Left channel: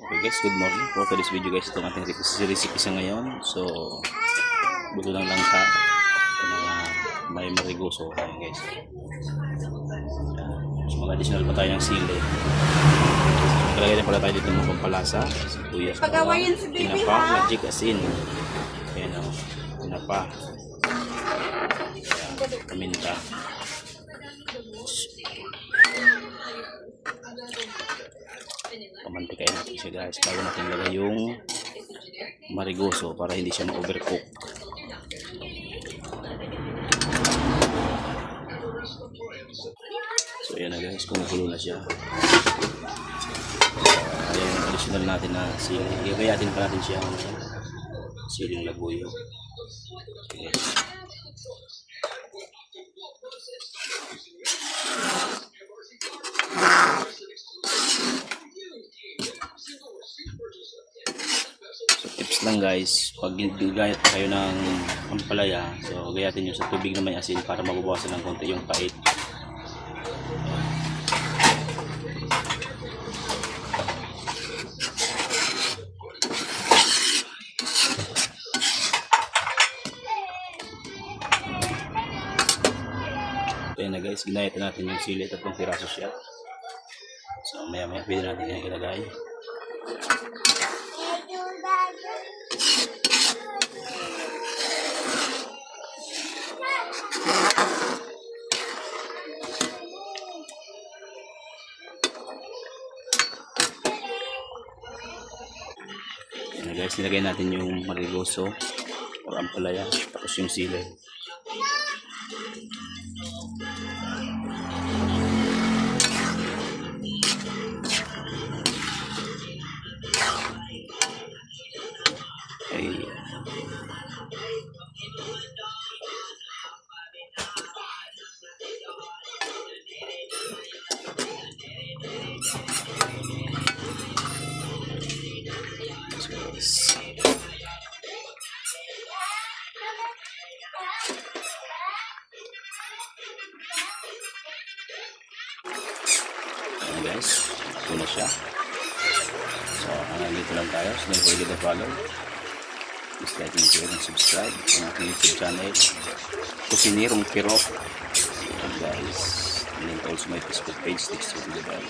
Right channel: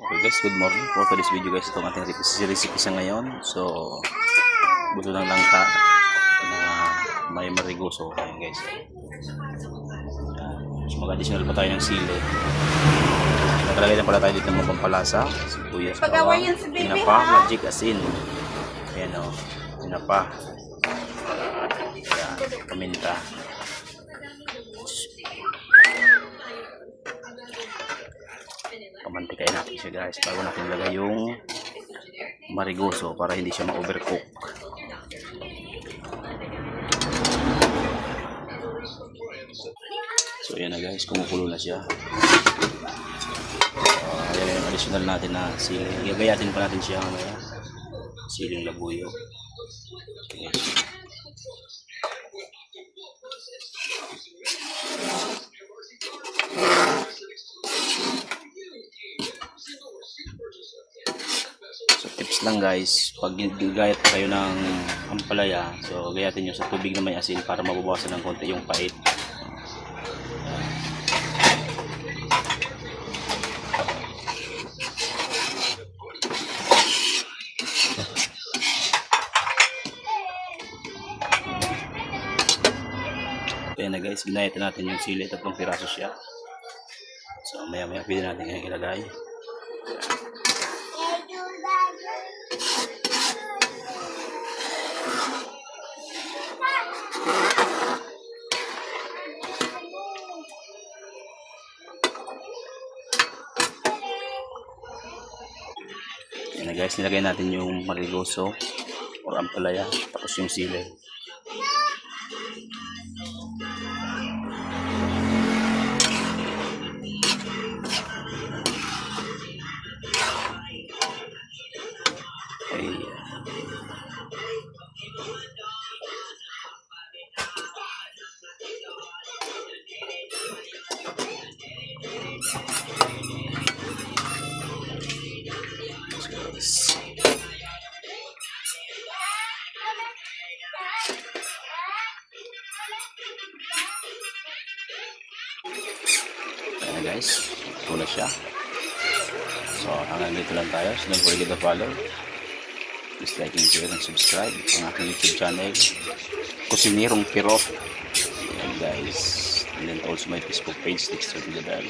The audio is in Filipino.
Okay guys, good morning. For today's video guys, itong ating recipe sa ngayon. So, buto ng langka na may marigoso. Ayan guys. So, mag-additional pa tayo ng sili. So, nakalagay na pala tayo dito ng pampalasa. Sibuyas, bawang, tinapa, magic asin. Ayan o, tinapa. Ayan, paminta. Pamantikain natin siya guys bago natin lagay yung marigoso para hindi siya ma-overcook. So ayan na guys, kumukulo na siya. Ayan yung additional natin na sili. Gagayatin pa natin siya mamaya. Siling labuyo. Okay, guys. Tips lang guys, pag gagayat pa kayo ng ampalaya, so gayatin nyo sa tubig na may asin para mababawasan ng konti yung pait. Kaya na guys, ginayatan natin yung sili, 3 piraso siya. So maya maya pwede natin yung ilagay. Yan na guys, nilagay natin yung marigoso or ampalaya, tapos yung sili. Ayan guys, ito na siya. So hanggang dito lang tayo. So don't forget to follow, please like and share and subscribe ang aking YouTube channel, Kusinirong Pirot. Ayan guys, and then also my Facebook page, Dexter Vidal.